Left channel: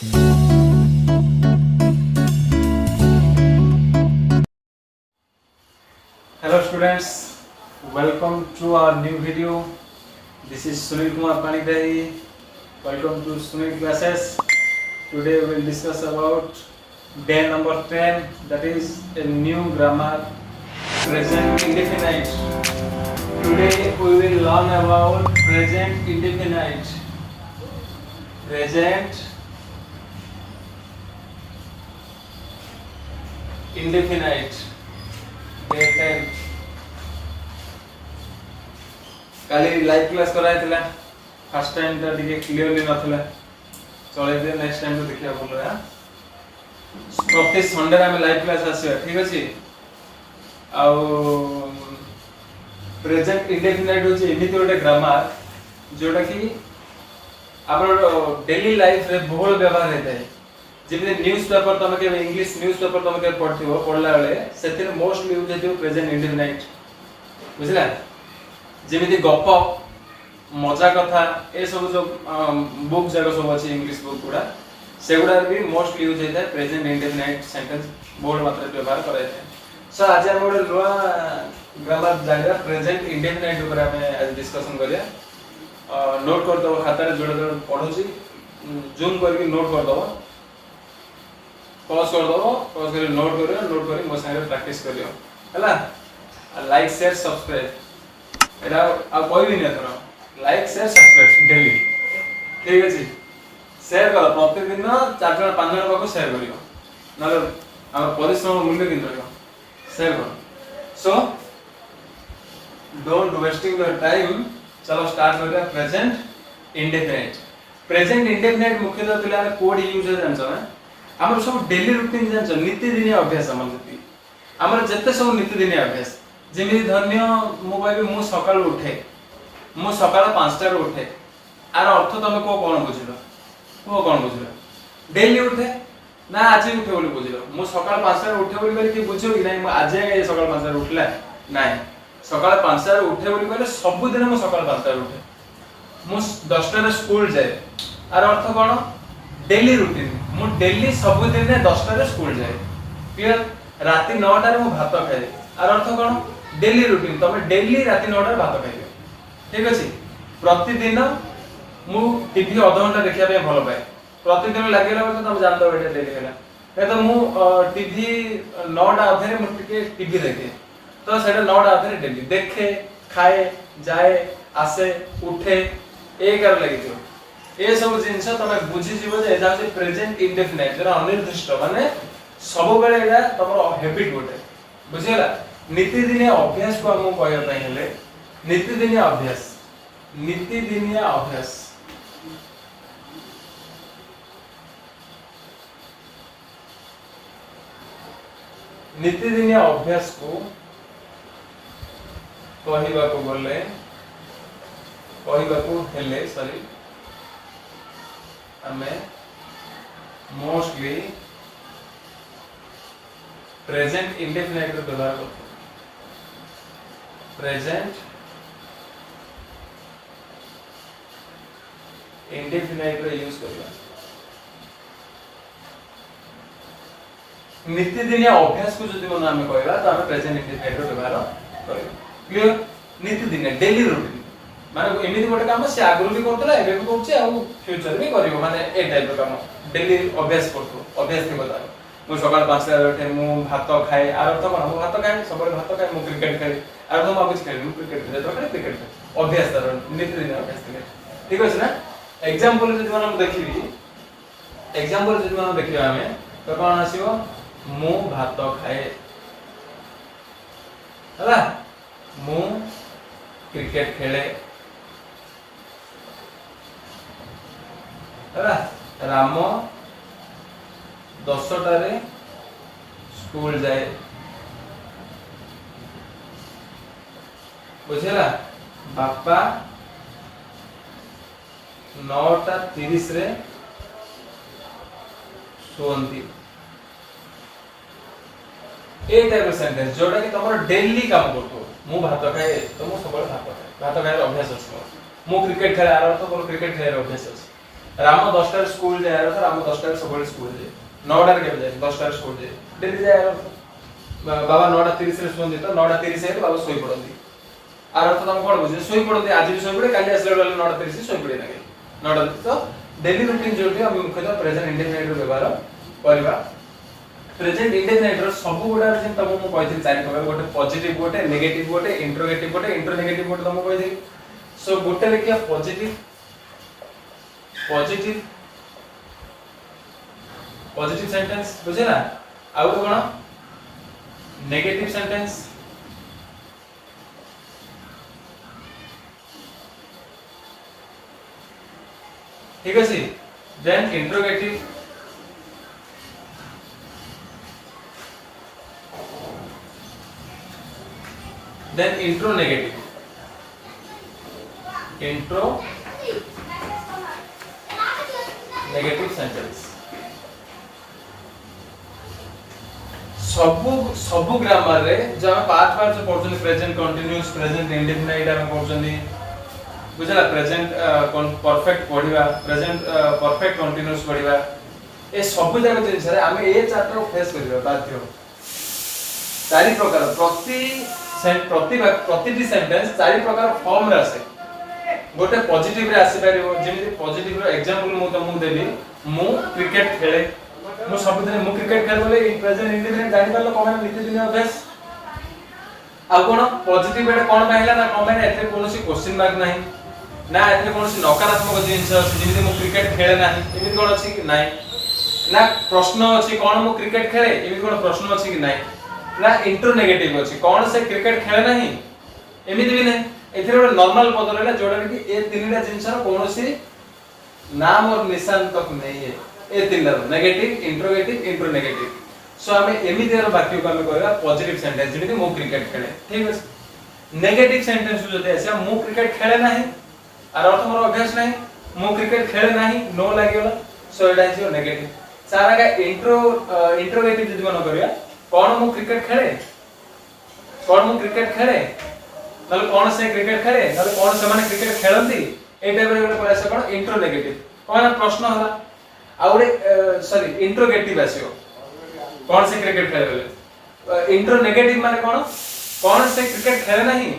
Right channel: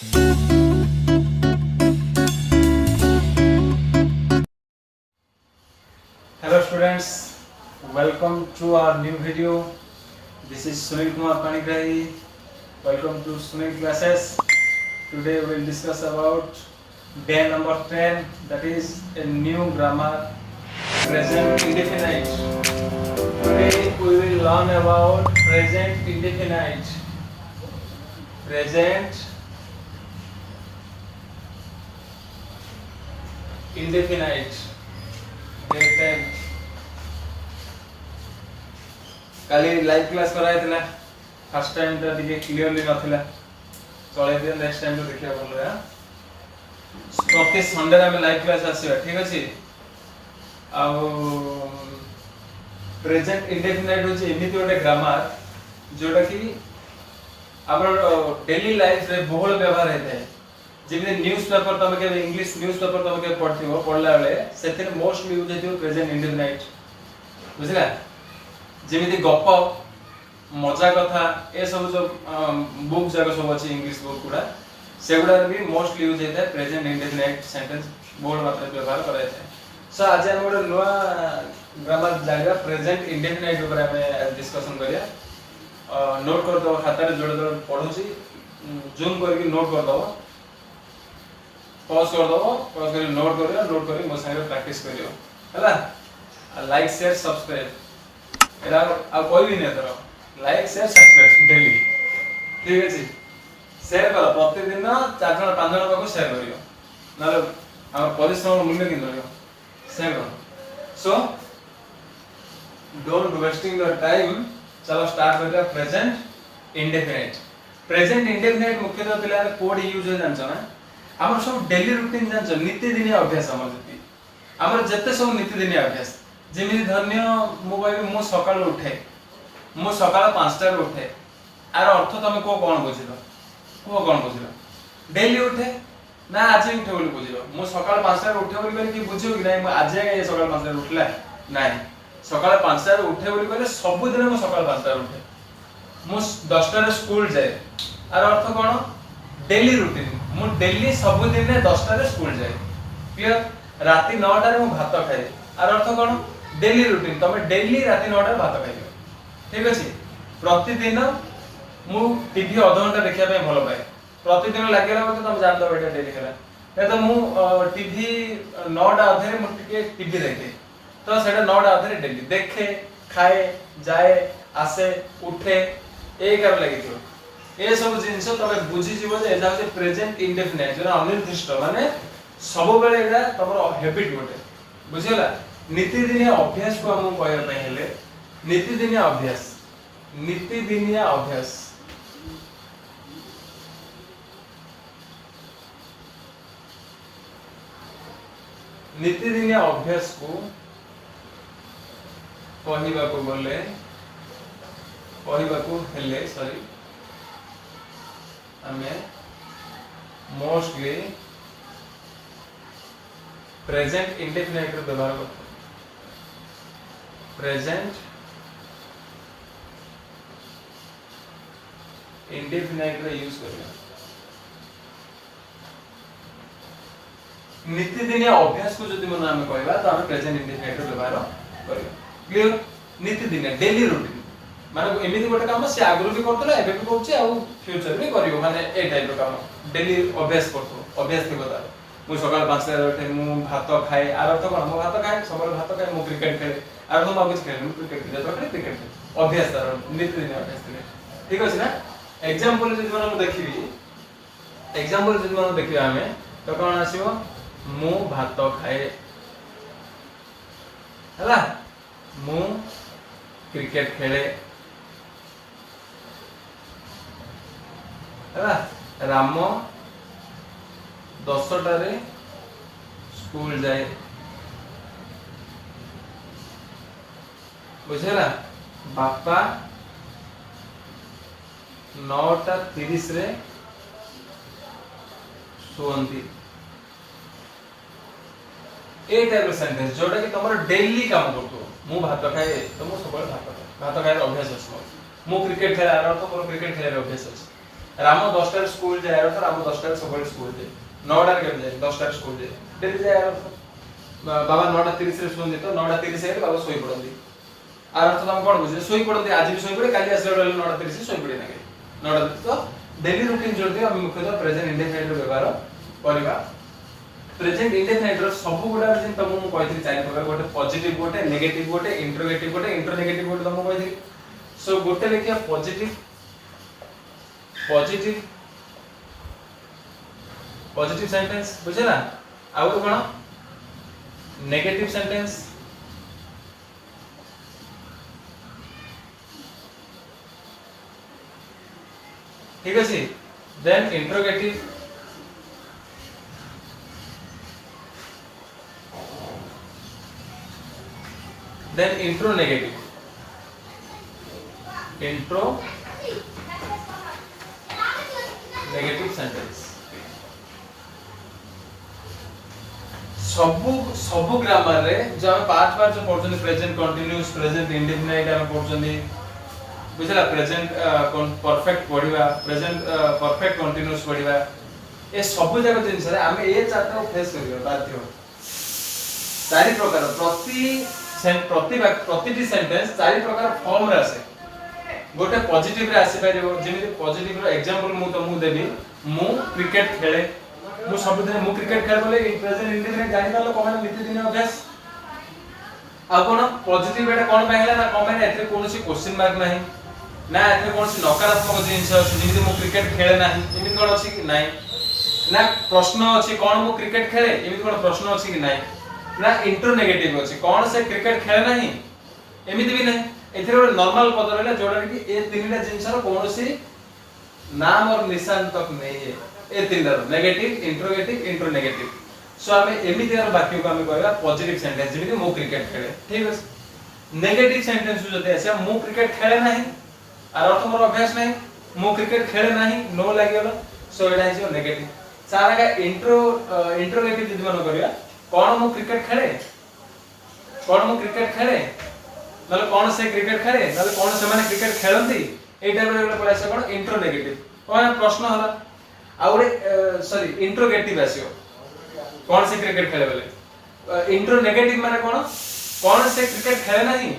Hello students, welcome to our new video. This is Sunil Kumar Panigrahi. Welcome to Sunil Classes. Today we will discuss about day number 10, that is a new grammar, present indefinite. Today we will learn about present indefinite. Present indefinite. Day 10. Kali live class कराइला first time ता दिके clearly नथिला चले दे next time तो देखिया बोलो या प्रति Sunday में live class आसीबा ठीक अछि आ प्रेजेंट इंडेफिनाइट होची एमिति ओटे ग्रामर जोटा कि आपन डेली लाइफ रे बहुल व्यवहार हेते जेबे न्यूज़पेपर तमे के इंग्लिश न्यूज़पेपर तमे के पढथिबो पढला बेले सेथिर मोस्टली यूज हेतियो प्रेजेंट इंडेफिनाइट बुझला जेमिति गप मजा कथा ए सब जो बुक जागा सब अछि इंग्लिश बुक गुडा सेगुडा भी मोस्टली यूज हेता प्रेजेंट इंडेफिनाइट सेंटेंस बहुत मात्रा व्यवहार कराय छै सो आज हम ओडे लोआ ग्रामर जागा प्रेजेंट इंडेफिनाइट ऊपर हमें डिस्कशन करिया नोट कर दो खाता रे जोड़ जोड़ पढुची जूम करके नोट कर दो पॉज कर नोट करी मो संगे प्रैक्टिस करियो हला लाइक शेयर सब्सक्राइब एरा आ कोई भी नहीं करो लाइक शेयर सब्सक्राइब डेली ठीक अछि शेयर करो प्रतिदिन 4 जण 5 जण को शेयर करियो नले हमर परिश्रम मूल्य किन रहियो शेयर करो so don't wasting your time चलो स्टार्ट करते हैं प्रेजेंट इंडेफिनाइट मुख्यतः पिला कोड यूज हो जानछ ना हमर सब डेली रूटीन जानछ नित्यदिनिया अभ्यास हमर जति हमर जत्ते सब नित्यदिनिया अभ्यास जेमि धन्य मो कहबे मो सकाळ उठे मो सकाळ 5 टा उठे आर अर्थ तमे कोन बुझिलो डेली उठे ना आज उठे बोली बुझिलो मो सकाळ 5 टा उठे बोली कहले कि बुझियो कि नहीं आज ए सकाळ 5 टा उठला नहीं सकाळ 5 टा उठे बोली कहले सब दिन मो सकाळ 5 टा उठे मो 10 टा रे स्कूल जाए आर अर्थ कोन डेली रूटीन मो डेली सब दिन 10 टा रे स्कूल जाए क्लियर राती 9 टा रे मो भात खाए आर अर्थ कोन डेली रूटीन तमे डेली राती 9 टा रे भात खाइयो ठीक अछि प्रतिदिन मु टीवी आधा घंटा देखिया पे भलो पाए प्रतिदिन लागेला तो तुम जान दो बेटा डेली करा नै तो मु टीवी 9 टा अधरे मु टिके टीवी देखे तो सेटा 9 टा अधरे डेली देखे खाए जाए आसे उठे ए कर लागि थियो ए सब जिंस तमे बुझी जीवो जे एजा से प्रेजेंट इंडेफिनाइट जरा अनिर्दिष्ट माने सब बेले एटा तमरो हैबिट गोटे बुझियला नित्यदिनिया अभ्यास को हम कहय पय हेले नित्यदिनिया अभ्यास नित्यदिनिया अभ्यास को कहवा को हेले सॉरी हमें मोस्टली प्रेजेंट इंडेफिनाइट रो व्यवहार करते प्रेजेंट इंडेफिनाइट रो यूज करला नित्यदिनिया अभ्यास को जदि मन हमें कहला तो हमें प्रेजेंट इंडेफिनाइट रो व्यवहार करियो क्लियर नित्यदिनिया डेली रूटीन माने एमिति गोटे काम से आगुर भी करतला एबे भी करछ आ फ्यूचर भी करियो माने ए टाइप रो काम डेली अभ्यास करतो अभ्यास के बता मु सकाळ 5 टा उठे मु भात खाए आर तो कोन मु भात खाए सबरे भात खाए मु क्रिकेट खाए आर तो मु खेले मु क्रिकेट खेले तो क्रिकेट खाए अभ्यास तार नित्यदिन अभ्यास करे ठीक अछि ना एग्जांपल जदि हम देखिबी एग्जांपल जदि हम देखिबा हमें तो कोन आसीबो मु भात खाए हला मु क्रिकेट खेले हला राम 10 टा रे स्कूल जाए बुझला बापा 9:30 रे सोंती ए टाइप सेंटेंस जोटा कि तमर डेली काम करतो मु भात खाए तो मु सब भात खाए अभ्यास अछि मु क्रिकेट खेला आर तो मोर क्रिकेट खेलार अभ्यास अछि राम 10टा स्कूल जाय तो राम 10टा सब स्कूल जाय 9टा के जाय 10टा स्कूल जाय डेली जाय बाबा 9:30 रे सुन तो 9:30 हे बाबा सोई पड़ंदी आर अर्थ तुम कोन बुझे सोई पड़ंदी आज भी सोई पड़े काली आसले 9:30 सोई पड़े नाके 9:30 तो डेली रूटीन जोटी हम मुख्यतः प्रेजेंट इंडेफिनिट व्यवहार करबा प्रेजेंट इंडेफिनिट रो सब गुडा जे तुम मु कहिथि चारि प्रकार गोटे पॉजिटिव गोटे नेगेटिव गोटे इंट्रोगेटिव गोटे इंट्रोनेगेटिव गोटे तुम कहिथि सो गोटे लेकिया पॉजिटिव पॉजिटिव पॉजिटिव सेंटेंस बुझे ना आउ कोन नेगेटिव सेंटेंस ठीक अछि then interrogative then intro negative sentence सब ग्रामर रे जो हम पार्ट पार्ट जो पढ़छन प्रेजेंट कंटीन्यूअस प्रेजेंट इंडेफिनाइट हम पढ़छन बुझला प्रेजेंट परफेक्ट पढ़िबा प्रेजेंट परफेक्ट कंटीन्यूअस पढ़िबा ए सब जगह जिंस रे हम ए चैप्टर फेस करिबा बाध्य चारि प्रकार प्रतिटी सेंटेंस चारि प्रकार फॉर्म रे आसे गोटे पॉजिटिव रे आसी परिबो जेमिति पॉजिटिव रो एग्जांपल मु तुमको देबी मु क्रिकेट खेले मु सब दिन मु क्रिकेट खेल बोले प्रेजेंट इंडेफिनिट जानि पालो कोन नीति दिन अभ्यास आ कोन पॉजिटिव एटा कोन बाहिला ना कोन एथे कोनोसी क्वेश्चन मार्क नाही ना एथे कोनोसी नकारात्मक जिंस अछि जेमिति मु क्रिकेट खेले नाही एमिति कोन अछि कि नाही ना प्रश्न अछि कोन मु क्रिकेट खेले एमिति कोन प्रश्न अछि कि नाही ना इंट्रो नेगेटिव अछि कोन से क्रिकेट खेले नाही एमिति भी नहीं एथिरे ଗୋଟେ नॉर्मल पद रहला जोडा कि ए तीनटा जिंसर कोनोसी नाम और निशान तक नहीं है ए तीनटा negative interrogative intro negative so हमें एमिति रो वाक्य को हमें कहबा पॉजिटिव सेंटेंस जेमिति मु क्रिकेट खेले ठीक अछि नेगेटिव सेंटेंस जते আছে मु क्रिकेट खेले नाही आर अर्थ मोर अभ्यास नाही मु क्रिकेट खेले नाही नो लागेला सो एटा अछि नेगेटिव सारा का इंट्रोगेटिव जदि मन करिया कोन मु क्रिकेट खेले नले कोन से क्रिकेट खेले नले कोन से माने क्रिकेट खेलंती ए टाइप रे कोन आसे कोन इंट्रो नेगेटिव कोन प्रश्न होला आ ओरे सॉरी इंट्रोगेटिव आसियो कोन से क्रिकेट खेले बोले इंट्रो नेगेटिव माने कोन से क्रिकेट खेले नाही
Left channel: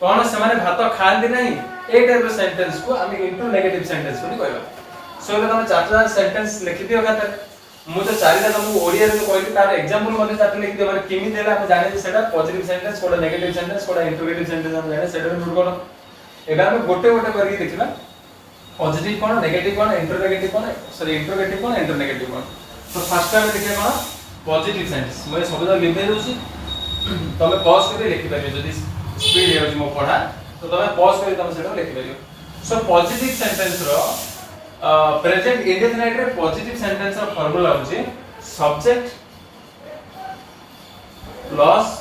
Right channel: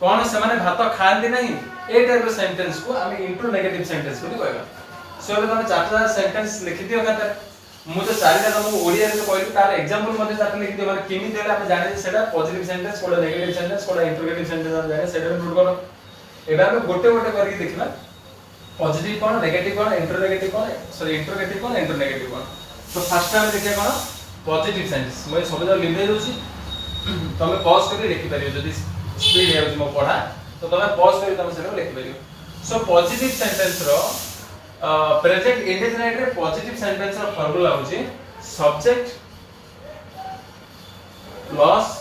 कोन से माने भात खांती नाही ए टाइप रे सेंटेंस को हम इंट्रो नेगेटिव सेंटेंस बोली कहबा सो तुम चारटा सेंटेंस लिखि दियो खातर मु तो चारिटा तुमको ओडिया रे कहली तार एग्जांपल मध्ये चारटा लिखि दियो माने केमि देला हम जाने सेटा पॉजिटिव सेंटेंस कोडा नेगेटिव सेंटेंस कोडा इंट्रोगेटिव सेंटेंस हम जाने सेटा नोट करो एबा हम गोटे गोटे करके देखिबा पॉजिटिव कोन नेगेटिव कोन इंट्रोगेटिव कोन सॉरी इंट्रोगेटिव कोन इंट्रोनेगेटिव कोन तो फर्स्ट टाइम देखिया कोन पॉजिटिव सेंटेंस मैं सबदा लिखै दोसी तमे पॉज करके लिखि परियो जदी स्पीड हे मो पढा तो तमे पॉज करके तमे सेटा लिखि परियो सो पॉजिटिव सेंटेंस रो प्रेजेंट इंडेफिनाइट रे पॉजिटिव सेंटेंस रो फार्मूला होची सब्जेक्ट प्लस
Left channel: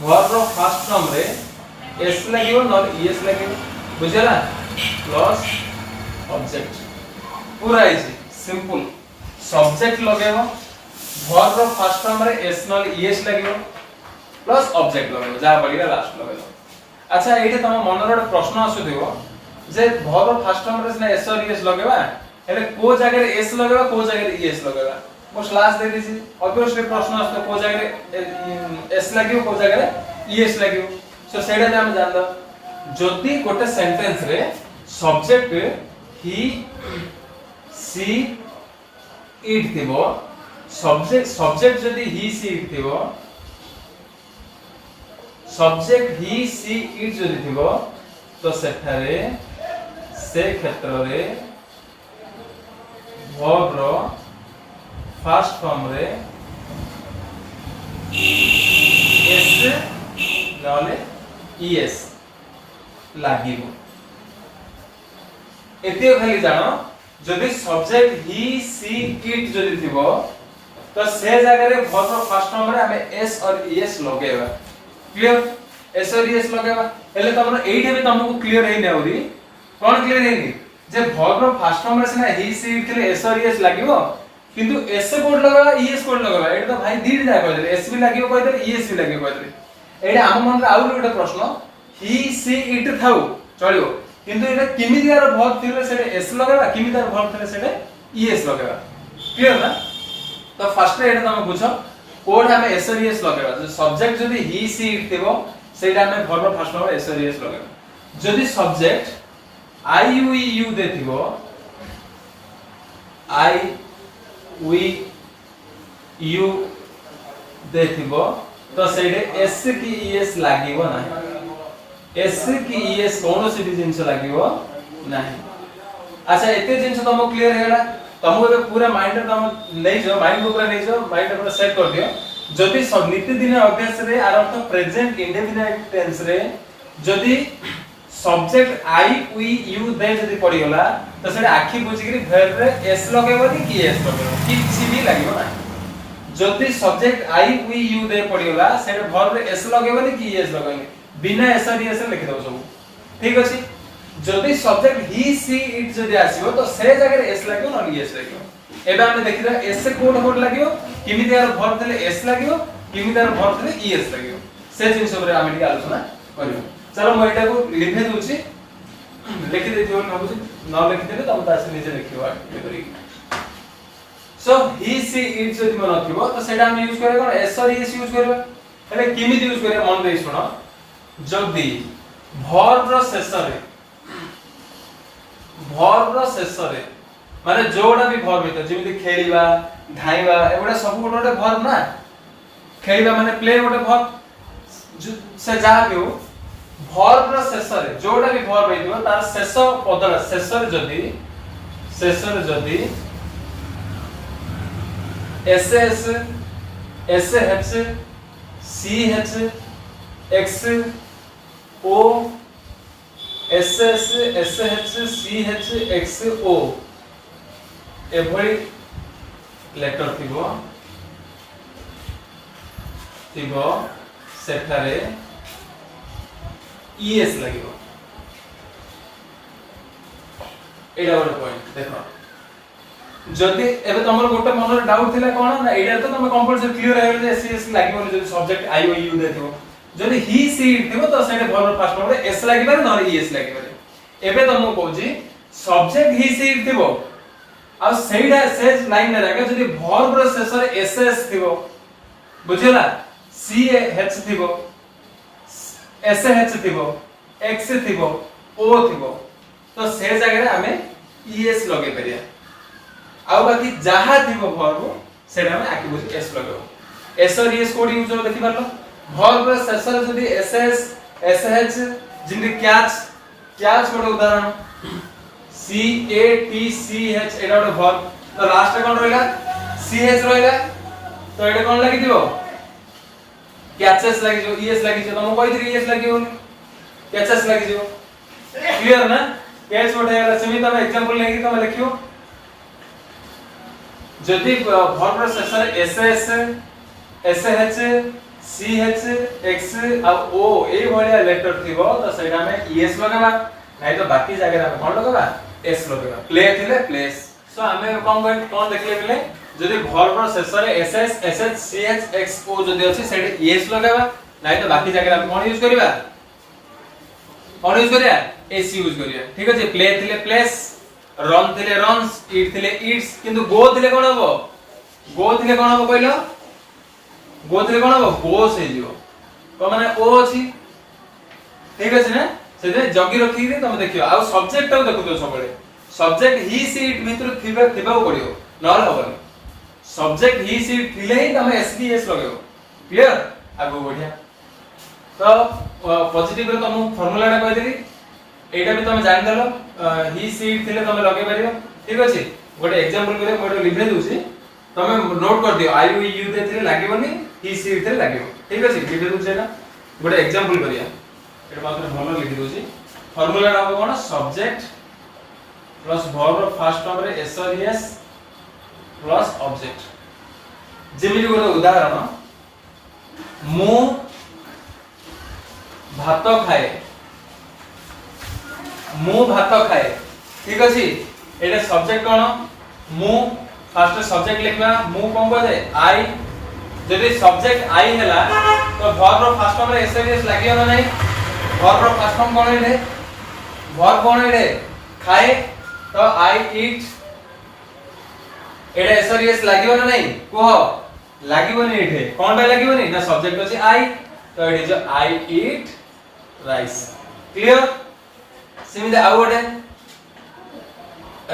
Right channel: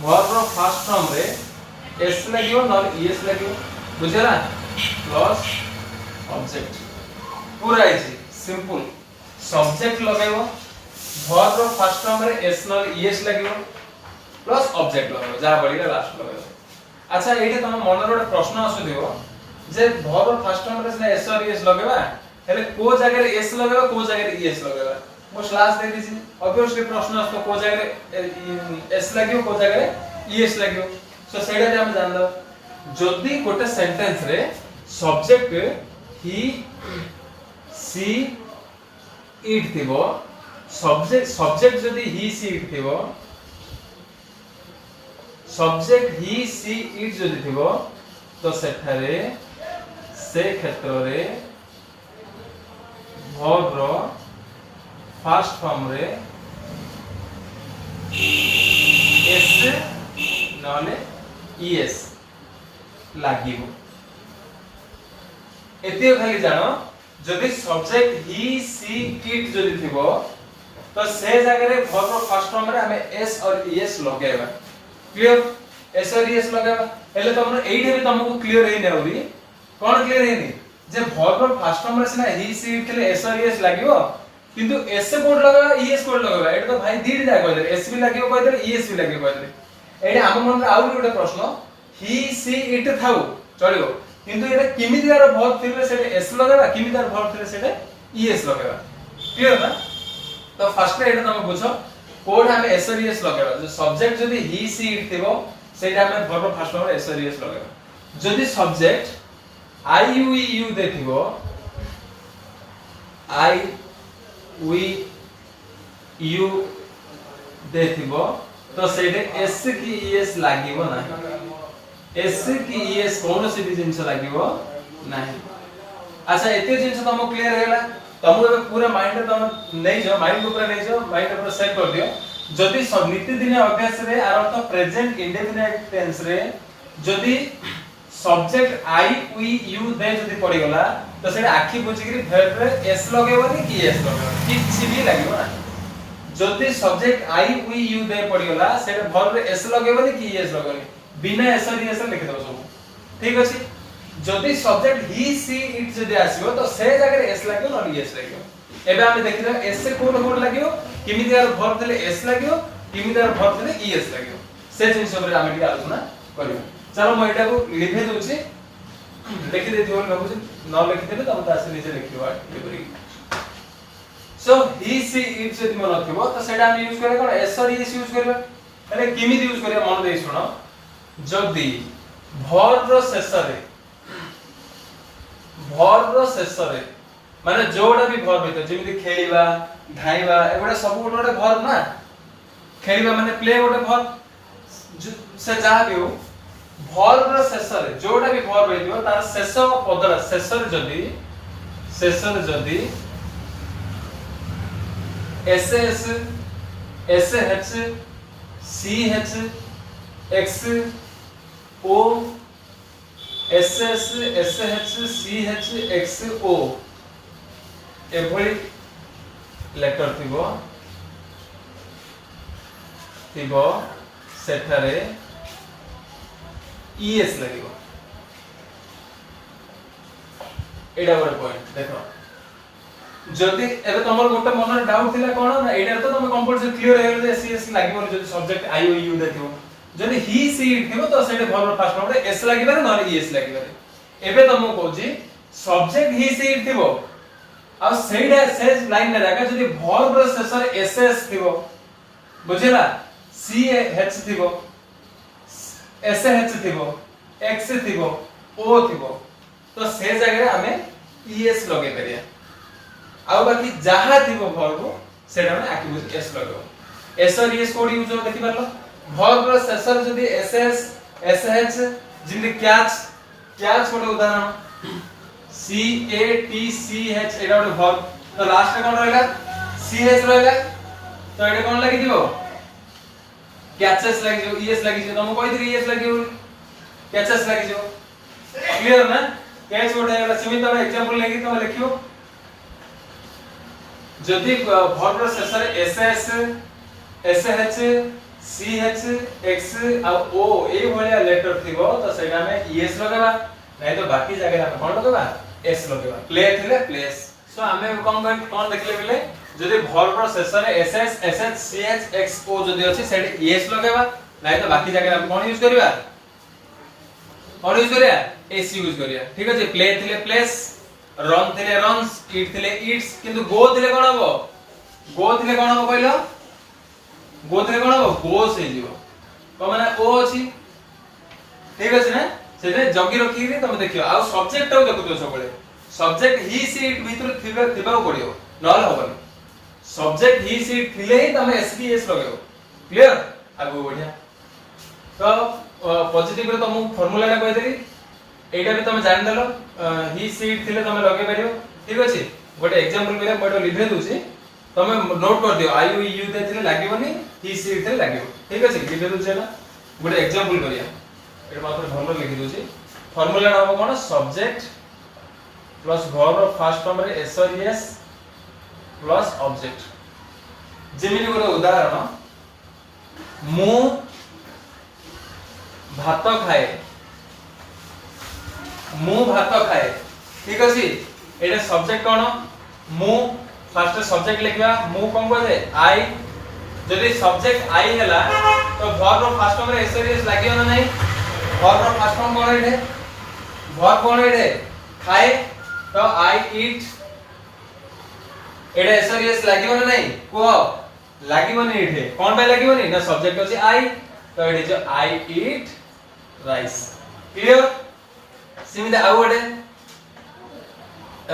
वर्ब रो फर्स्ट फॉर्म रे एस लागियो नॉट ईएस लागियो बुझला प्लस ऑब्जेक्ट पूरा इजी सिंपल सब्जेक्ट लगेबो वर्ब रो फर्स्ट फॉर्म रे एस नॉट ईएस लागियो प्लस ऑब्जेक्ट लगेबो जा बलिला लास्ट लगेबो अच्छा एटा तम मन रो प्रश्न आसु देबो जे वर्ब फर्स्ट फॉर्म रे एस और ईएस लगेबा हेले को जगह रे एस लगेबा को जगह रे ईएस लगेबा मो स्लैश दे दिसी ऑब्वियसली प्रश्न आस्तो को जगह रे एस लागियो को जगह रे ईएस लागियो सो सेडा जे हम जानदा जदी गोटे सेंटेंस रे सब्जेक्ट ही सी इट थिबो सब्जेक्ट जदी ही सी इट थिबो सब्जेक्ट ही सी इट जदी थिबो तो सेठारे से क्षेत्र रे वर्ब रो फर्स्ट फॉर्म रे एस नले ईएस लागिबो एते खाली जानो जदी सब्जेक्ट ही सी इट जदी थिबो तो से जगह रे वर्ब रो फर्स्ट फॉर्म रे हमें एस और ईएस लगेबा क्लियर एस और ईएस लगेबा हेले तमरो एइठे भी तमको क्लियर हे नेउरी कोन क्लियर हेनी जे वर्ब रो फर्स्ट फॉर्म रे सिना ही सी इट थिले एस और ईएस लागिबो किंतु एस कोड लगाबा ईएस कोड लगाबा एटा तो भाई दीड जा कह दे एस भी लागिबो कह दे ईएस भी लागिबो कह दे एटा हम मन रे आउर गोटे प्रश्न ही सी इट थाउ चलिबो किंतु एटा किमिदियार वर्ब थिले सेटे एस लगाबा किमिदियार वर्ब थिले सेटे ईएस लगाबा क्लियर ना तो फर्स्ट एटा तमे बुझो कोड हमें एस और ईएस लगाबा जो सब्जेक्ट जदी ही सी इट थिबो सेटा हमें वर्ब फर्स्ट नंबर एस और ईएस लगाबा जदी सब्जेक्ट आई यू यू देथिबो आई वी यू देथिबो तो सेटे एस की ईएस लागिबो नाही एस की ईएस कौन सी भी जिंस लागिबो नाही अच्छा एते जिंस तुमको क्लियर हेला तुम एबे पूरा माइंड तुम नै जो माइंड को पूरा नै जो माइंड पूरा सेट कर दियो जदी सब नित्य दिन अभ्यास रे आर अर्थ प्रेजेंट इंडेफिनिट टेंस रे जदी subject I we you they जदी पड़ी गला तो सेटा आखी बुझी करी वर्ब रे एस लगेबनी कि एस लगेबो किछि भी लागिबो नाही जदी subject I we you they पड़ी गला सेटा वर्ब रे एस लगेबनी कि एस लगेबनी बिना एस और ईएस लिखि देबो सब ठीक अछि जदी सब्जेक्ट ही सी इट जदी आसीबो तो से जगह रे एस लागियो न ईएस लागियो एबे हम देखिदा एस से कोड कोड लागियो किमिदियार वर्ब थले एस लागियो किमिदियार वर्ब थले ईएस लागियो से जिंस ऊपर हम एटी आलोचना करियो चलो म एटा को लिखि दोछि लिखि दे दियो न बुझी न लिखि देले तब तासे नीचे लिखियो एपरी सो ही सी इट जदी मन थिबो तो सेटा हम यूज करे कोन एस और ईएस यूज करबा अरे किमिदि यूज करे मन दे सुनो जदी वर्ब रो शेष रे माने जोडा भी वर्ब हेतो जेमिति खेलिबा धाइबा एबोडा सब गोटे वर्ब ना खेलिबा माने प्ले गोटे वर्ब से जा बियो वर्ब रो शेष रे जोडा भी वर्ब हेतो तार शेष पदरा शेष रे जदी S H C H X O S H C H X O एभली लेटर थिबो सेठारे ईएस लागिबो एडा बड़ पॉइंट देखो जदी एबे तमर गोटे मन डाउट थिला कोन ना एडा तो तम कंपल्सरी क्लियर हे जे एसएस लागिबो जदी सब्जेक्ट आई ओ यू देथिबो जदी ही सी इट थिबो तो सेटे वर्ब फर्स्ट नंबर एस लागिबारे न ईएस लागिबारे एबे तमको कहूजी सब्जेक्ट ही सी इट थिबो आ सेडा सेज लाइन ने जागा जदी वर्ब रो शेष रे एसएस थिबो बुझिला सी एच थिबो एस एच थिबो एक्स थिबो ओ थिबो तो से जगह रे हमें ईएस लगे परिया आ बाकी जहा थिबो वर्ब सेडा में आकी बुझ एस लगेबो एस और ईएस कोड यूज हो देखि परलो वर्ब रो शेष रे जदी एसएस एसएच जिंदे कैच कोड उदाहरण सी ए टी सी एच एडा कोड वर्ब तो लास्ट रे कोन रहला सी एच रहला तो एडा कोन लागि दिबो कैचेस लागि जो ईएस लागि जो तुम कहि थी ईएस लागि होनी कैचेस लागि जो क्लियर ना कैच कोड हैला सेमी तमे एग्जांपल लेके तमे लिखियो जदी वर्ब रो शेष रे SS SH C H X आ ओ ए भलिया लेटर थिबो तो सेटा में ईएस लगाबा नै तो बाकी जगह रे कोन लगाबा एस लगाबा प्ले थिले प्लेस सो हमें कोन देखले बिले जदी वर्ब रो शेष रे SS SH C H X O जदी अछि सेटे ईएस लगाबा नै तो बाकी जगह रे कोन यूज करबा एस यूज करिया ठीक अछि प्ले थिले प्लेस रन थिले रन्स ईट थिले ईट्स किंतु गो थिले कोन हबो कहलो गो थिले कोन हबो गोस हे जिवो को माने ओ अछि ठीक अछि ना सेते जगी रखी रे तुम देखियो आ सब्जेक्ट टा देखुतो सबले सब्जेक्ट ही सी इट भीतर थिबा पड़ियो नल हबनी सब्जेक्ट ही सी इट थिले ही तुम एसबीएस लगेबो क्लियर आगो बढ़िया तो पॉजिटिव रे तुम फार्मूला टा कहि देली एटा भी तुम जान दलो ही सी इट थिले तुम लगे परियो ठीक अछि गोटे एग्जांपल करे मोटो लिखे दूची तुम नोट कर दियो आई यू दे थिले लागिबनी ही सी इट थिले लागिबो ठीक अछि लिखे दूचे ना गोटे एग्जांपल करिया एटा मात्र फार्मूला लिखि दूची फार्मूला रहबो कोन subject plus verb first form रे एस और एस प्लस ऑब्जेक्ट जेमिति गोटे उदाहरण मु भात खाए ठीक अछि एटा सब्जेक्ट कोन मु फर्स्ट सब्जेक्ट लिखबा मु कोन कहले आई जदी सब्जेक्ट आई हैला तो वर्ब फर्स्ट फॉर्म रे एस और एस लागियो ना नै वर्ब फर्स्ट फॉर्म कोन हे वर्ब कोन एडे खाए तो आई ईट एडे एसरियस लागियो ना नहीं को लागिबोनी एठे कोन बे लागिबोनी ना सब्जेक्ट अछि आई तो एडे जो आई ईट राइस क्लियर सिमिते आउ गोटे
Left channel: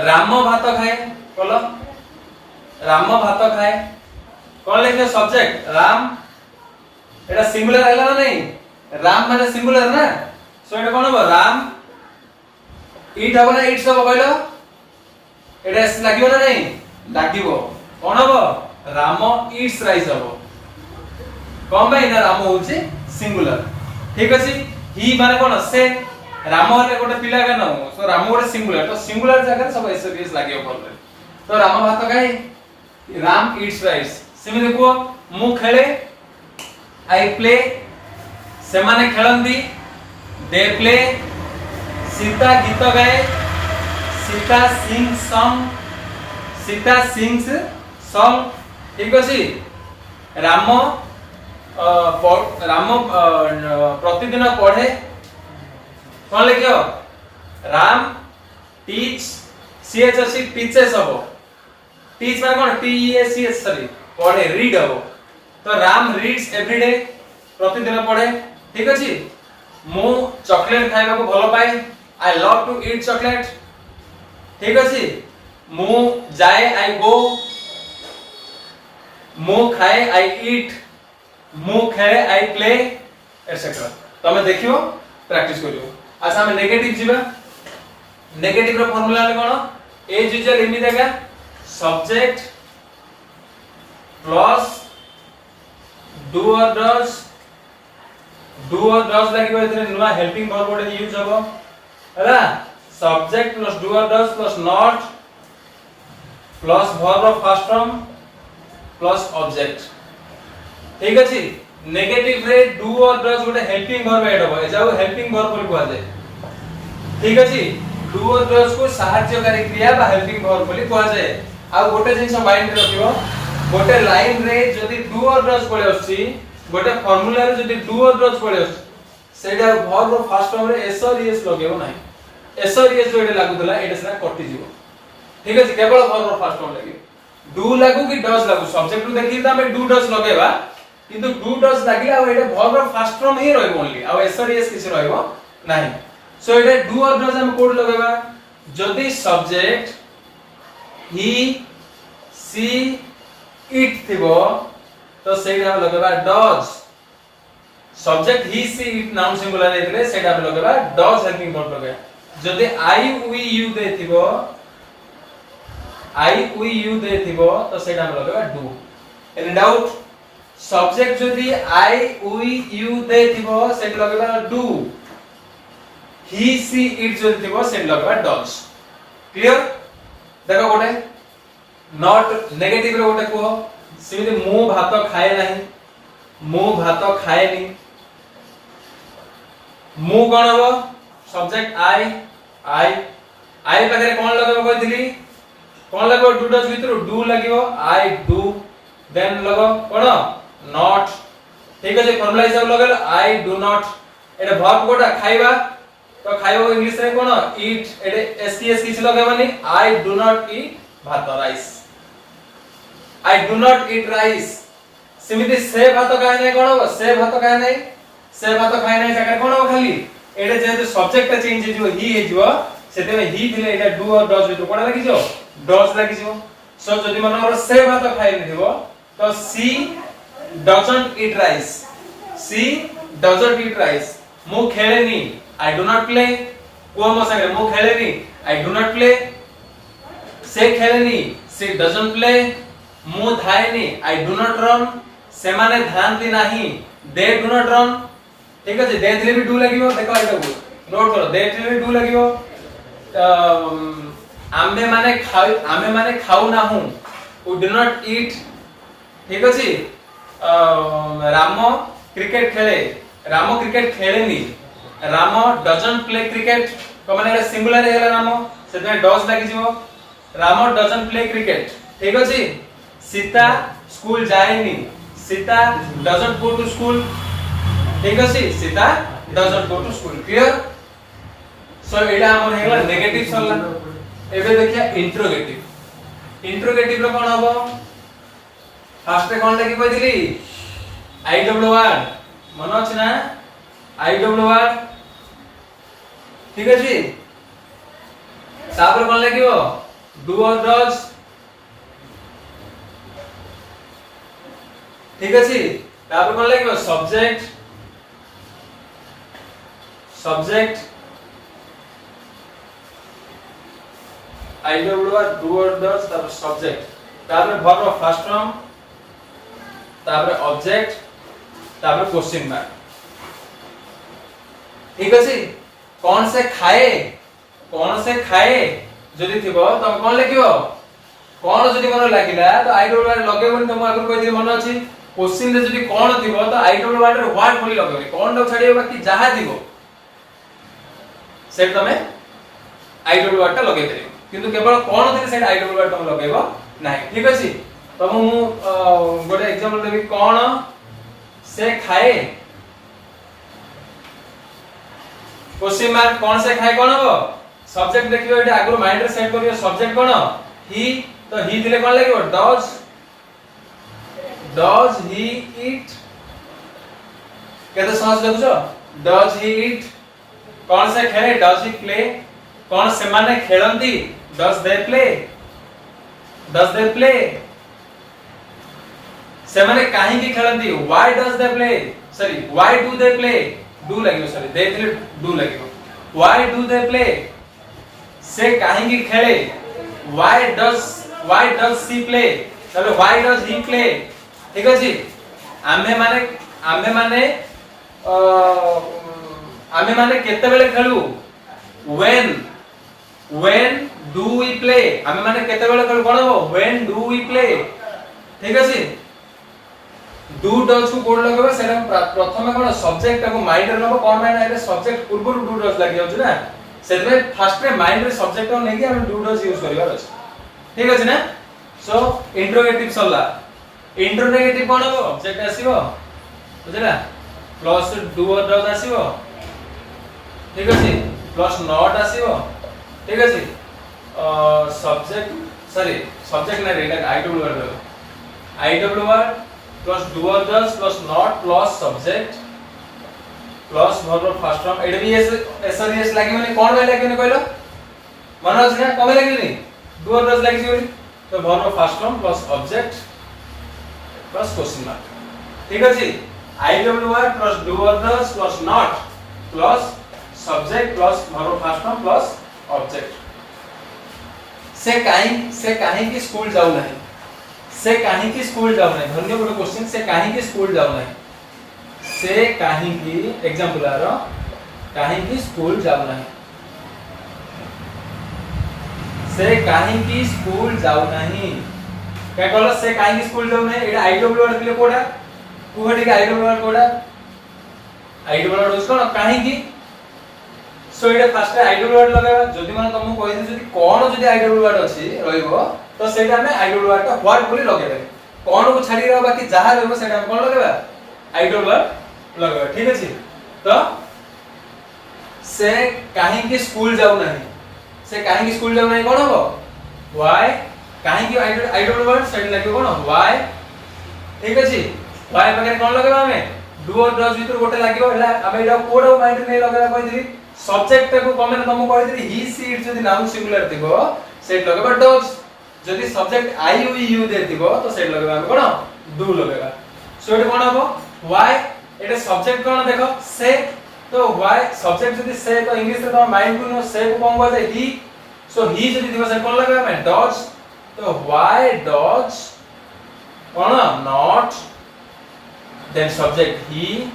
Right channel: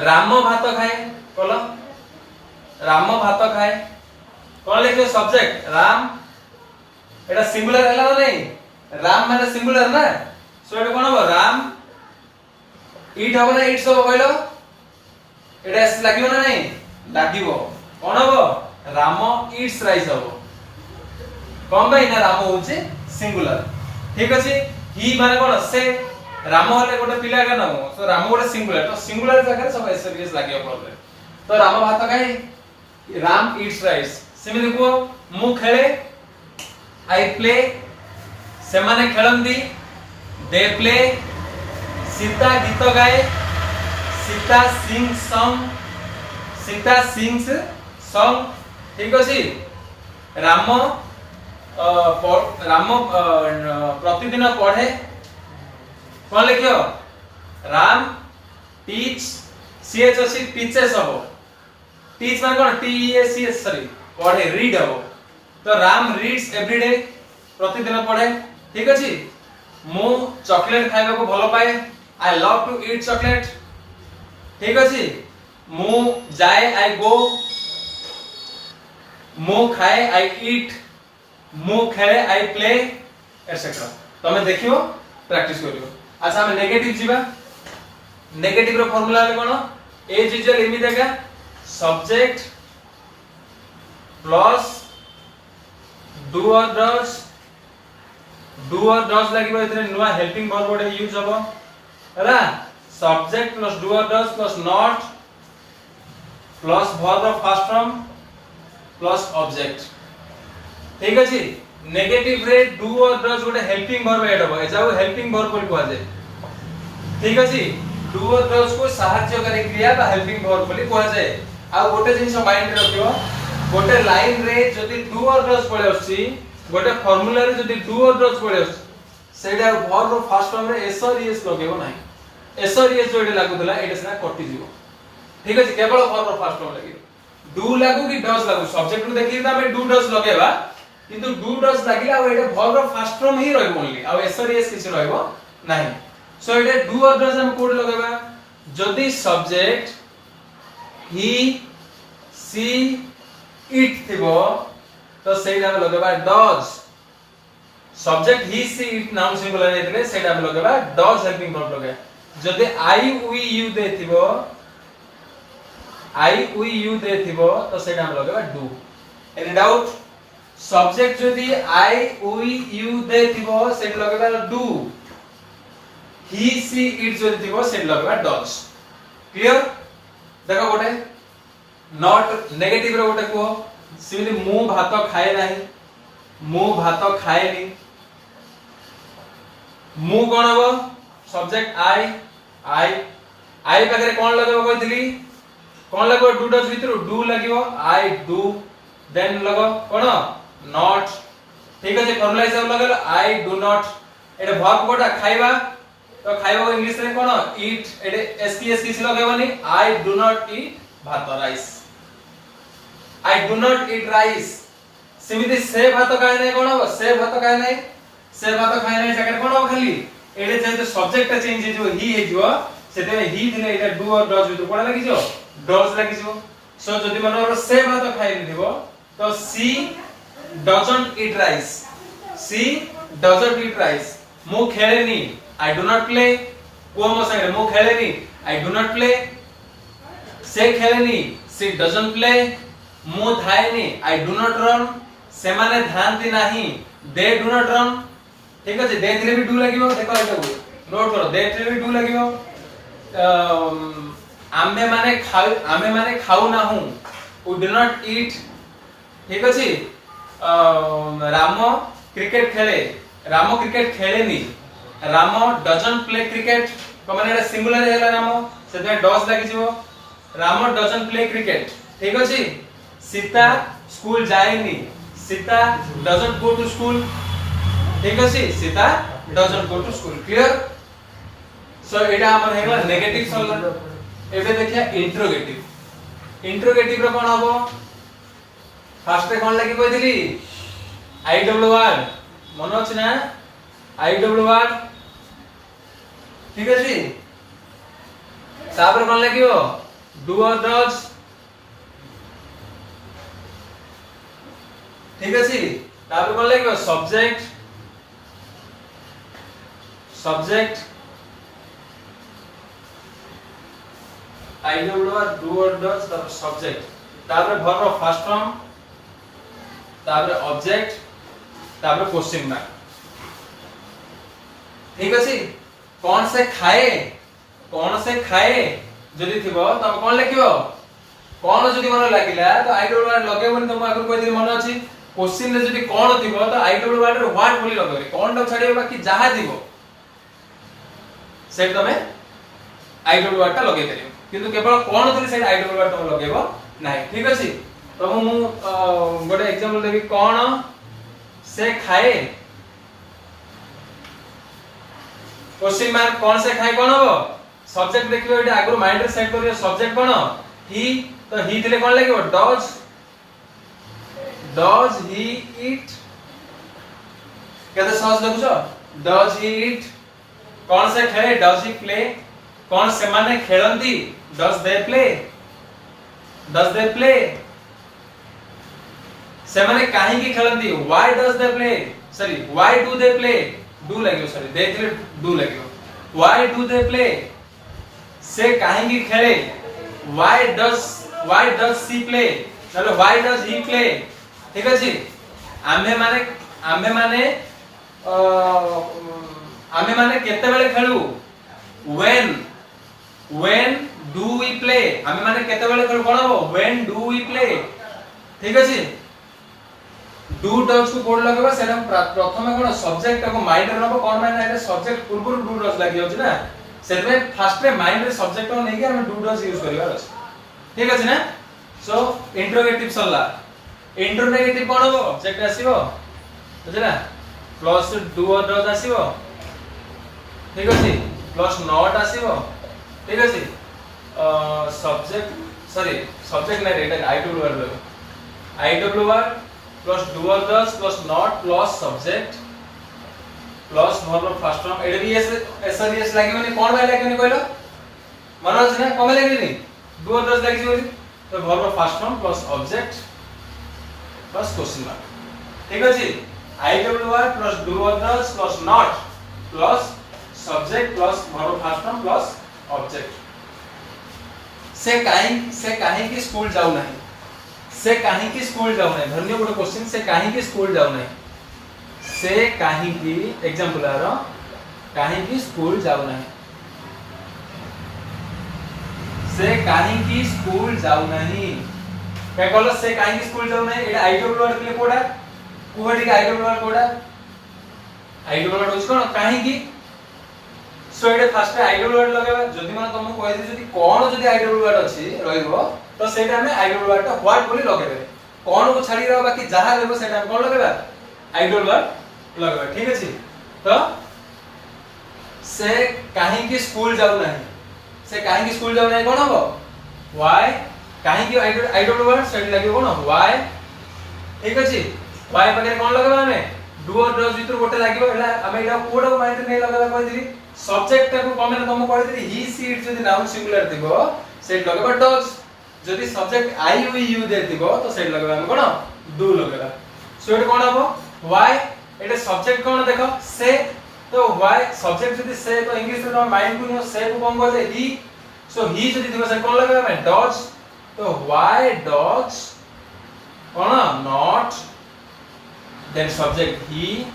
राम भात खाए बोलो राम भात खाए कोन लिखबे सब्जेक्ट राम एटा सिंगुलर हैला ना नहीं राम माने सिंगुलर ना सो एटा कोन हो राम ईट हो ना ईट्स हो कहलो एटा एस लागिबो ना नहीं लागिबो कोन हो राम ईट्स राइस हो कोन भाई ना राम होचे सिंगुलर ठीक अछि ही माने कोन से राम वाले गोटे पिला का नाम सो राम गोटे सिंगुलर तो सिंगुलर जगह सब एसएस लागियो बोलले तो राम भात खाए राम ईट्स राइस सिमिले को मु खेले आई प्ले से माने खेलंदी दे प्ले सीता गीत गाए सीता सिंग्स सॉन्ग ठीक अछि राम राम प्रतिदिन पढ़े कोन लिखियो राम टीच सीएच अछि टीचेस हबो टीच माने कोन T E S C S sorry पढ़े रीड हबो तो राम रीड्स एवरीडे प्रतिदिन पढ़े ठीक अछि मु चॉकलेट खाइबा को भलो पाए I love to eat chocolate ठीक अछि मु जाए आई गो मु खाए आई ईट मु खेले आई प्ले एटसेट्रा तमे देखियो प्रैक्टिस करियो अच्छा हम नेगेटिव जीवा नेगेटिव रो फार्मूला है कोन एज यूजुअल इमी देगा subject plus do or does लागिबो एतरे नुवा हेल्पिंग वर्ब गोटे यूज हबो हला subject plus do or does plus not plus verb of first form plus object ठीक अछि नेगेटिव रे डू और डज गोटे हेल्पिंग वर्ब ऐड हबो एजाउ हेल्पिंग वर्ब बोली कुआ जाय ठीक अछि डू और डज को सहायकारी क्रिया बा हेल्पिंग वर्ब बोली कुआ जाय आ गोटे जिंस माइंड रे रखियो गोटे लाइन रे जदी डू और डज पळे आछि गोटे फार्मूला रे जदी डू और डज पळे आछि सेडा वर्ब फर्स्ट फॉर्म रे एस और एस लगेबो नाही एस और एस जोडे लागु दला एटा सेना कटि जीवो ठीक अछि केवल वर्ब फर्स्ट फॉर्म लागियो डू लागु कि डज लागु सब्जेक्ट रू देखि त हमें डू डज लगेबा किंतु डू डज लागिला आ एटा वर्ब फर्स्ट फॉर्म ही रहइबो ओनली आ एस और एस किछ रहइबो नाही सो एटा डू और डज हम कोड लगेबा जदी सब्जेक्ट ही सी इट थिबो तो सेटा हम लगेबा does subject he C it noun singular हेतले सेटा हम लगेबा डज हेल्पिंग वर्ब लगे जदी आई वी यू दे थिबो आई वी यू दे थिबो तो सेटा हम लगेबा डू एनी डाउट सब्जेक्ट जदी आई वी यू दे थिबो सेटा लगेबा डू ही सी इट जदी थिबो सेटा लगेबा डज क्लियर देखो गोटे नॉट नेगेटिव रे गोटे को सिमिति मु भात खाए नाही मु भात खाएनी मु कोन हो सब्जेक्ट आई पकरे कोन लगबो कहितली कोन लगबो डू डज भितरु डू लागिवो आई डू देन लगो कोन नॉट ठीक अछि फार्मूला हिसाब लगल आई डू नॉट एडे वर्ब कोटा खाइबा तो खाइबो इंग्लिश रे कोन ईट एडे एसटीएस किछ लगेबनी आई do not eat bhaat rice I do not eat rice सिमिति से भात खाय नै कोन हो से भात खाय नै से भात खाय नै जगह कोन हो खाली एडे जे सब्जेक्ट चेंज हिजो ही हिजो सेते में ही दिले एटा डू और डज भितर कोन लागि जो डज लागि जो सो जदी मनकर से भात खाय नै दिबो तो she doesn't eat rice she doesn't eat rice मु खेलेनी आई डू नॉट प्ले को मो संगे मु खेलेनी आई डू नॉट प्ले से खेलेनी सी डजंट प्ले मु धाएनी आई डू नॉट रन से माने धानती नाही दे डू नॉट रन ठीक अछि दे दिले भी डू लागिवो देखो एटा नोट करो दे दिले भी डू लागिवो आमे माने खाऊ ना हूं वी डू नॉट ईट ठीक अछि राम क्रिकेट खेले राम क्रिकेट खेलेनी राम डजंट प्ले क्रिकेट को माने एटा सिंगुलर हेला राम सेते डज लागि जिवो राम डजंट प्ले क्रिकेट ठीक अछि सीता स्कूल जाएनी Sita doesn't go to school ठीक अछि Sita doesn't go to school clear सो एटा हमर हेगला नेगेटिव सरला एबे देखिया इंट्रोगेटिव इंट्रोगेटिव रो कोन हबो फास्ट रे कोन लागि कहिदिली आईडब्ल्यूआर मन अछि ना आईडब्ल्यूआर ठीक अछि तापर कोन लागियो डू और डज ठीक अछि तापर कोन लागियो subject subject आईडब्ल्यूआर do or does तापर सब्जेक्ट तापर वर्ब फर्स्ट फॉर्म तापर ऑब्जेक्ट तापर क्वेश्चन मार्क ठीक अछि कौन से खाए जदि थिबो तम कोन लिखिबो कोन जदि मन लागिला तो आईडब्ल्यूआर लगेबोनी तम आगु कहि दे मन अछि क्वेश्चन रे जदि कोन थिबो तो आईडब्ल्यूआर रे व्हाट बोली लगेबे कोन ड छाडिबो बाकी जहा थिबो सेट तमे आईडब्ल्यूआर टा लगे देलियो किंतु केवल कोन थि सेट आईडब्ल्यूआर तम लगेबो नाही ठीक अछि तो मु गोटे एग्जांपल देबी कोन से खाए क्वेश्चन मार्क कौन से खाए कोन हो सब्जेक्ट देखियो एटा आगु माइंड रे सेट करियो सब्जेक्ट कोन ही तो ही दिले कोन लागियो डज ही ईट केते सहज लगुछो डज ही ईट कौन से खेले डज ही प्ले कौन से माने खेलंती डज दे प्ले से माने काहे की खेलंती why does they play sorry why do they play do लागियो सॉरी दे दिले डू लागियो व्हाई डू दे प्ले से काहे की खेले व्हाई डज सी प्ले तले व्हाई डज ही प्ले ठीक अछि आमे माने केते बेले खेलु when do we play आमे माने केते बेले खेलु कोन हो when do we play ठीक अछि डू डज को कोड लगेबा सेटा प्रथमे कोन सब्जेक्ट को माइंड रे नबो कोन माने आरे सब्जेक्ट पूर्व डू डज लागि जाउछ ना सेतमे फर्स्ट रे माइंड रे सब्जेक्ट को नेकी हम डू डज यूज करबा अछि ठीक अछि ना सो इंट्रोगेटिव सरला इंट्रोगेटिव कोन हो ऑब्जेक्ट आसीबो बुझला प्लस डू और डज आसीबो ठीक अछि प्लस नॉट आसीबो ठीक अछि सब्जेक्ट ना रेटा IWR plus do or does plus not plus subject plus verb first form एड भी एसआरएस लागिबनी कोन भाई लागिबनी कहलो मन अछि ना कमे लागिबनी डू और डज लागि जेबनी तो verb first form plus object plus question mark ठीक अछि आईडब्ल्यूआर plus do or does plus not plus subject plus verb first form plus object से काहे की स्कूल जाऊ नहीं से काहे की स्कूल जाऊ नहीं धन्य बड़ क्वेश्चन से काहे की स्कूल जाऊ नहीं से काहे की एग्जांपल आरो काहे की स्कूल जाऊ नहीं से काहे की स्कूल जाऊ नहीं क्या कहलो से काहे की स्कूल जाऊ नहीं एटा आईडब्ल्यूआर दिले कोडा कुहडी आईडब्ल्यूआर कोडा आईडब्ल्यूआर होस कोन काहे की सो एटा फर्स्ट आईडब्ल्यूआर लगाबा जदी मन तुमको कहि दे जदी कोन जदी आईडब्ल्यूआर अछि रहइबो तो सेटा में आईडब्ल्यूआर टा व्हाट बोली लगेबे कोन को छाडी रहबा बाकी जहा रहबो सेटा हम कोन लगेबा आईडब्ल्यूआर लगेबा ठीक अछि तो से काहे की स्कूल जाऊ नहीं से काहे की स्कूल जाऊ नहीं कोन हो व्हाई काहे की आईडब्ल्यूआर सेट लागि कोन व्हाई ठीक अछि व्हाई बगैर कोन लगेबा हमें डू और डज भीतर गोटे लागियो एला हम एटा कोड माइंड नै लगेबा कहि दिली सब्जेक्ट को कमेंट तुम कहि दिली ही सी इट जदी नाउन सिंगुलर थिबो सेट लगेबा डज जदी subject I we you they थिबो तो सेट लगेबा हम कोन डू लगेबा सो एटा कोन हबो व्हाई एटा सब्जेक्ट कोन देखो से तो व्हाई सब्जेक्ट जदी से तो इंग्लिश रे तो माइंड को नो से को कोन कहले ही सो ही जदी थिबो सेट कोन लगेबा मैं डज तो why does cone not then subject he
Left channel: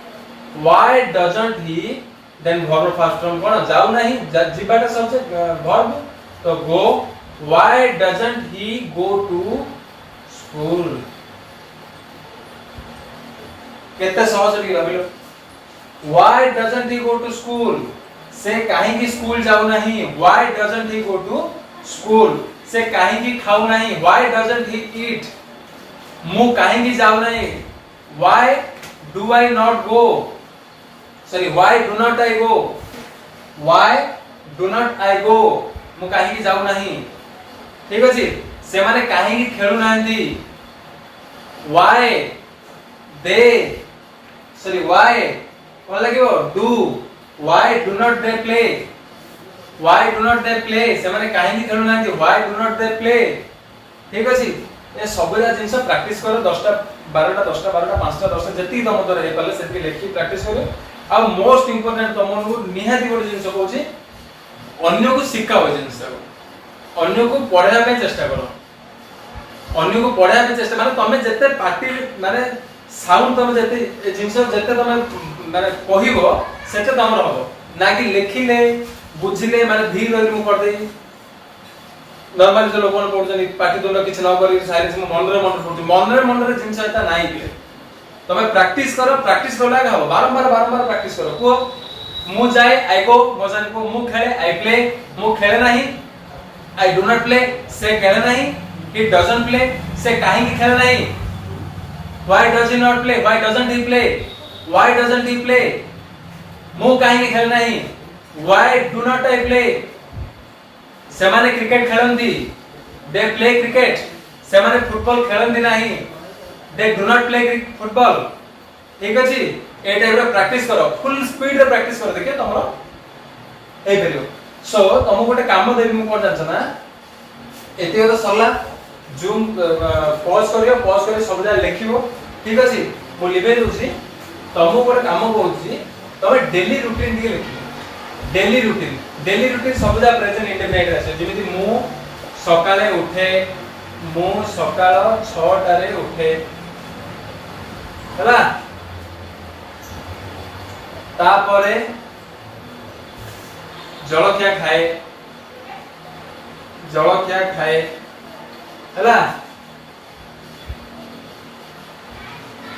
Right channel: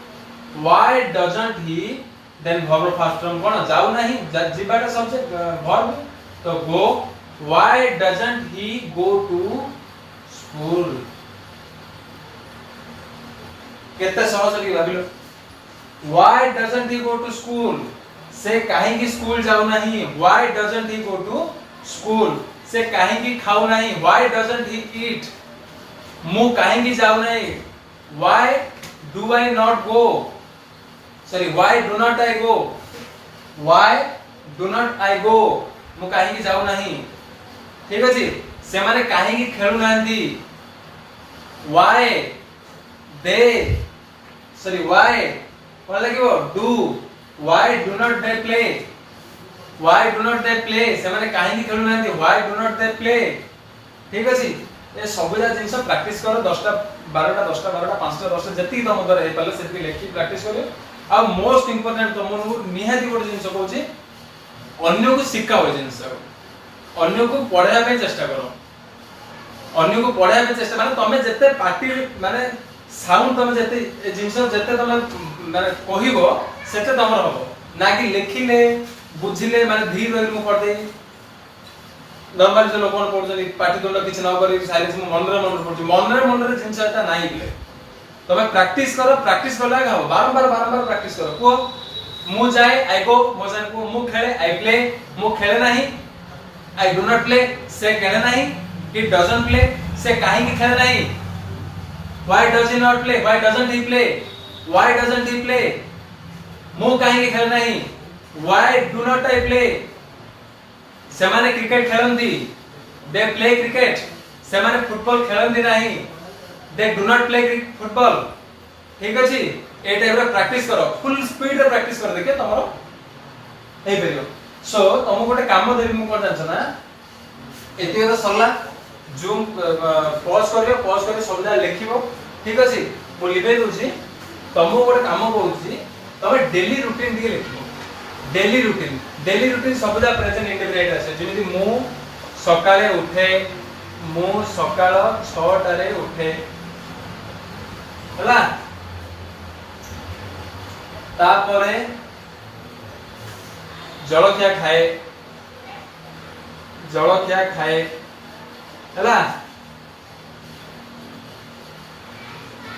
why doesn't he then verb first form कोन जाऊ नहीं जिबाटा सब्जेक्ट verb तो go why doesn't he go to school केते सहज लिखला below why doesn't he go to school से काहे की स्कूल जाऊ नहीं why doesn't he go to school से काहे की खाऊ नहीं why doesn't he eat मु काहे की जाऊ नहीं why do I not go sorry why do not I go why do not I go मु कहीं जाऊ नहीं ठीक अछि से माने कहीं खेलु नांदी व्हाई दे सॉरी व्हाई कोन लागिवो do why do not they play why do not they play से माने कहीं खेलु नांदी why do not they play ठीक अछि ए सबुरा जिंस प्रैक्टिस करो 10टा 12टा 10टा 12टा 5टा 10टा जति तम द्वारा हे पले सेति लेखि प्रैक्टिस करो आ मोस्ट इंपोर्टेंट तमनु निहाती गोटे जिंस कहूची अन्य को सिखाओ जिंस अन्य को पढ़ाया पे चेष्टा करो अन्य को पढ़ाया पे चेष्टा माने तमे जते पार्टी माने साउंड तमे जते जिंस जते तमे माने कहिबो सेते तमर हबो ना कि लेखिले बुझिले माने धीर रही मु कर देई नॉर्मली जो लोग पढ़ुछन पार्टी तुंड किछ न करी साइलेंस मन रे पढ़ुछ मन रे जिंस एटा नाही बिले तमे प्रैक्टिस करला का हो बारंबार प्रैक्टिस करो को मु जाए आई गो मोजन को मु खेले आई प्ले मु खेले नहीं आई डू नॉट प्ले से खेले नहीं ही डजंट प्ले से काहे की खेले नहीं why does he not play why doesn't he play why doesn't he play मु काहे की खेले नहीं why do not I play से माने क्रिकेट खेलंदी दे प्ले क्रिकेट से माने फुटबॉल खेलंदी नहीं they do not play football ठीक अछि ए टाइप रे प्रैक्टिस करो फुल स्पीड रे प्रैक्टिस करो देखिए तमरो हे करियो सो तमो गोटे काम देबी मु कोन जानछ ना एते तो सरला जूम पॉज करियो सब जा लिखिबो ठीक अछि मु लिबे दोसी तमो गोटे काम कहूची तमे डेली रूटीन दिए लिखिबो डेली रूटीन सब जा प्रेजेंट इंडेफिनाइट आसे जेमिति मु सकाळे उठे मु सकाळ 6टा रे उठे हला तापरे जलखिया खाए हला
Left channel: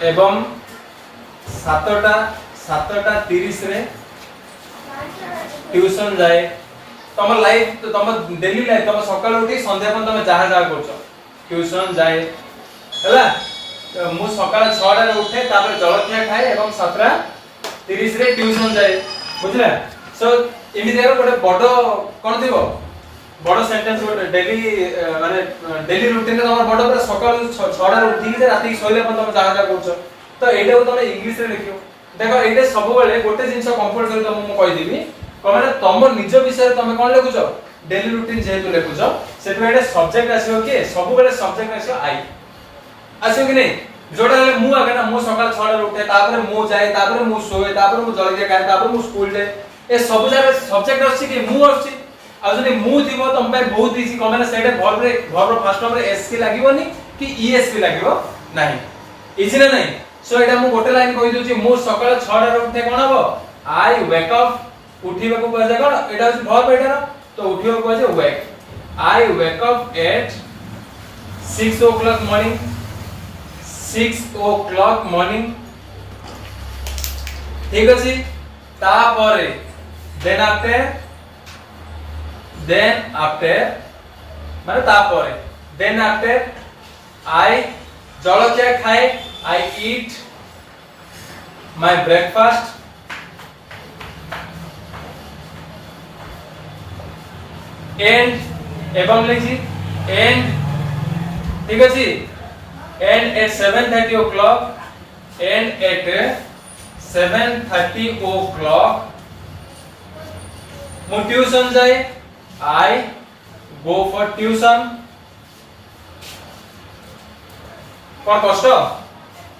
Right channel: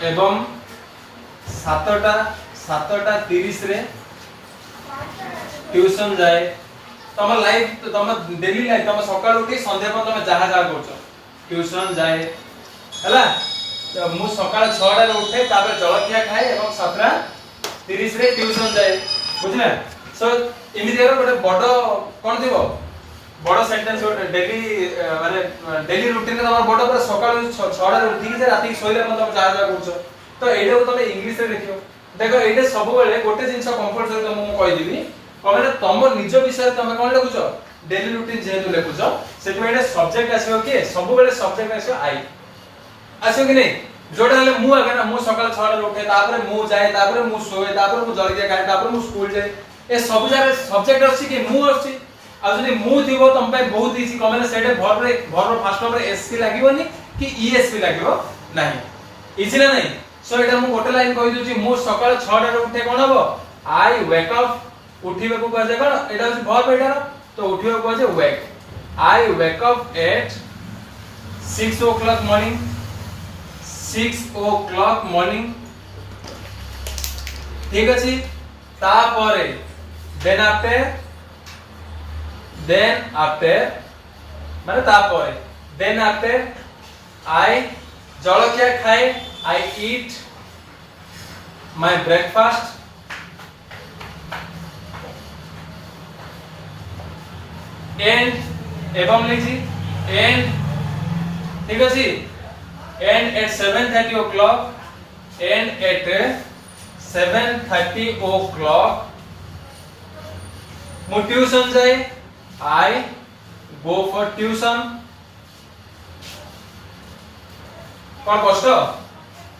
एवं 7:30 रे ट्यूशन जाए तम लाइफ तम डेली लाइफ तम सकाळ उठी संध्या पण तम जहा जहा करछो ट्यूशन जाए हला मु सकाळ 6टा रे उठे तापर जलखिया खाए एवं 7:30 रे ट्यूशन जाए बुझला सो इमिडिएट गोटे बड कोन दिबो बड सेंटेंस डेली माने डेली रूटीन रे तम बड पर सकाळ 6टा रे उठी जे राती सोइले पण तम जहा जहा करछो तो एडा को तम इंग्लिश रे लिखियो देखो एडा सब बेले गोटे जिंस कंपल्सरी तम मु कहि दिबी कमाने तम निज विषय तमे कोन लिखुछ डेली रूटीन जेतु लिखुछ सेतु एटा सब्जेक्ट आसीओ के सब बेले सब्जेक्ट आसीओ आई आसीओ कि नै जोडा हले मु आगे ना मु सकाळ 6 रे उठे तापर मु जाए तापर मु सोए तापर मु जल्दी खाए तापर मु स्कूल जाए ए सब जारे सब्जेक्ट आसी कि मु आसी आ जने मु थिबो तम पे बहुत इजी कमाने सेटे वर्ब फर्स्ट फॉर्म रे एस की लागिवोनी कि ईएस भी लागिवो नाही इजी ना नहीं सो एटा मु गोटे लाइन कहि दोची मु सकाळ 6 रे उठे कोन हबो आई वेक अप उठीबा को कहै कोन एटा अछि वर्ब एटार तो उठीबा को कहै wake I wake up at 6 o'clock morning 6 o'clock morning ठीक अछि ता परे देन आफ्टर माने ता परे देन आफ्टर आई जलखिया खाए आई ईट माय ब्रेकफास्ट एंड एवं लिखी एंड ठीक अछि and at 7:30 o'clock and at 7:30 o'clock मु ट्यूशन जाए आई गो फॉर ट्यूशन कोन कष्ट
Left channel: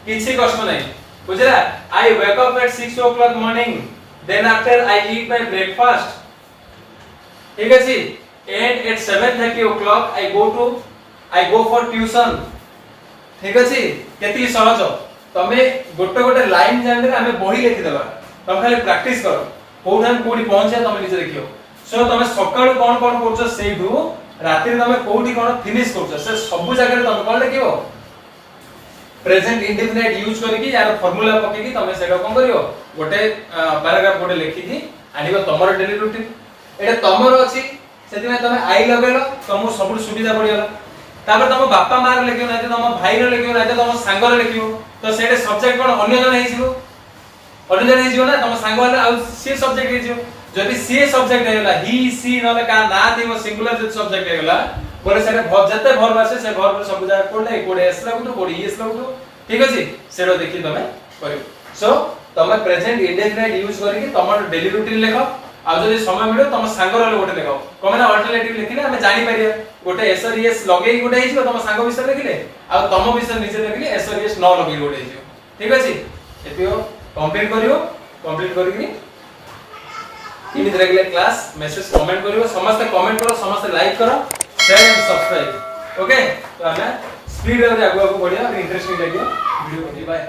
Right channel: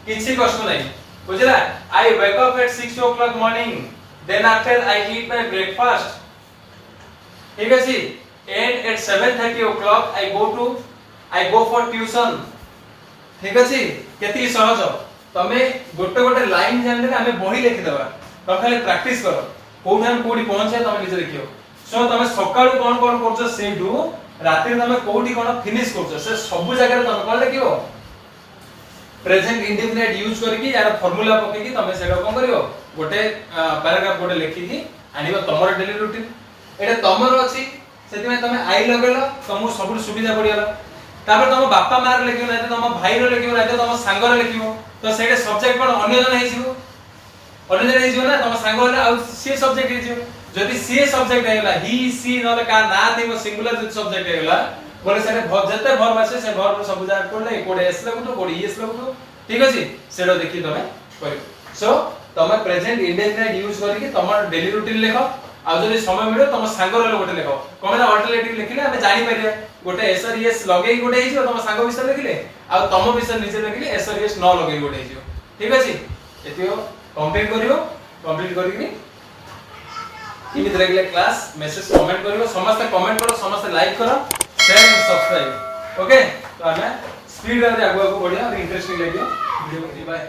किछि कष्ट नहीं बुझला I wake up at 6 o'clock morning then after I eat my breakfast ठीक अछि and at 7:30 o'clock I go for tuition ठीक अछि केति सहज तमे गोटे गोटे लाइन जानले हमें बही लिखि देबा तम खाली प्रैक्टिस करो कोन हम कोडी पहुंचे तमे निजे देखियो सो तमे सकाळ कोन कोन करछो सेइडू रात्री तमे कोडी कोन फिनिश करछो से सब जगह तमे कोन लिखियो प्रेजेंट इंडेफिनाइट यूज करके यार फार्मूला पके की तमे सेटा कोन करियो गोटे पैराग्राफ गोटे लिखि दी आनिबो तमरो डेली रूटीन एटा तमरो अछि सेति में तमे आई लगेलो तमो सब सुविधा पडियला तापर तम बापा मार लिखियो ना तम भाई रो लिखियो ना तम सांग रो लिखियो तो सेटा सब्जेक्ट कोन अन्य जन हेसिबो अन्य जन हेसिबो ना तम सांग वाला आ सी सब्जेक्ट हेसिबो जदि सी सब्जेक्ट हेगला ही सी नले का ना थिबो सिंगुलर जदि सब्जेक्ट हेगला बोले सेरे जते भर आसे से भर सब जाय कोडले कोडे एस लागुतो कोडे एस लागुतो ठीक अछि सेरो देखि तमे करियो सो तमे प्रेजेंट इंडेफिनिट यूज करिके तमर डेली रूटीन लेखो आ जदि समय मिलो तम सांग रहले गोटे लेखो कमेना अल्टरनेटिव लिखिले हमें जानि परिबे गोटे एस और एस लगेई गोटे हिजो तम सांग विषय लिखिले आ तम विषय निजे लिखिले एस और एस न लगेई गोटे हिजो ठीक अछि एतियो कंप्लीट करियो कंप्लीट करिकि किमित रेगुलर क्लास मेसेज कमेंट करियो समस्त कमेंट करो समस्त लाइक करो शेयर एंड सब्सक्राइब ओके तो हमें स्पीड रे आगु आगु बढ़िया और इंटरेस्टिंग लागियो वीडियो बाय।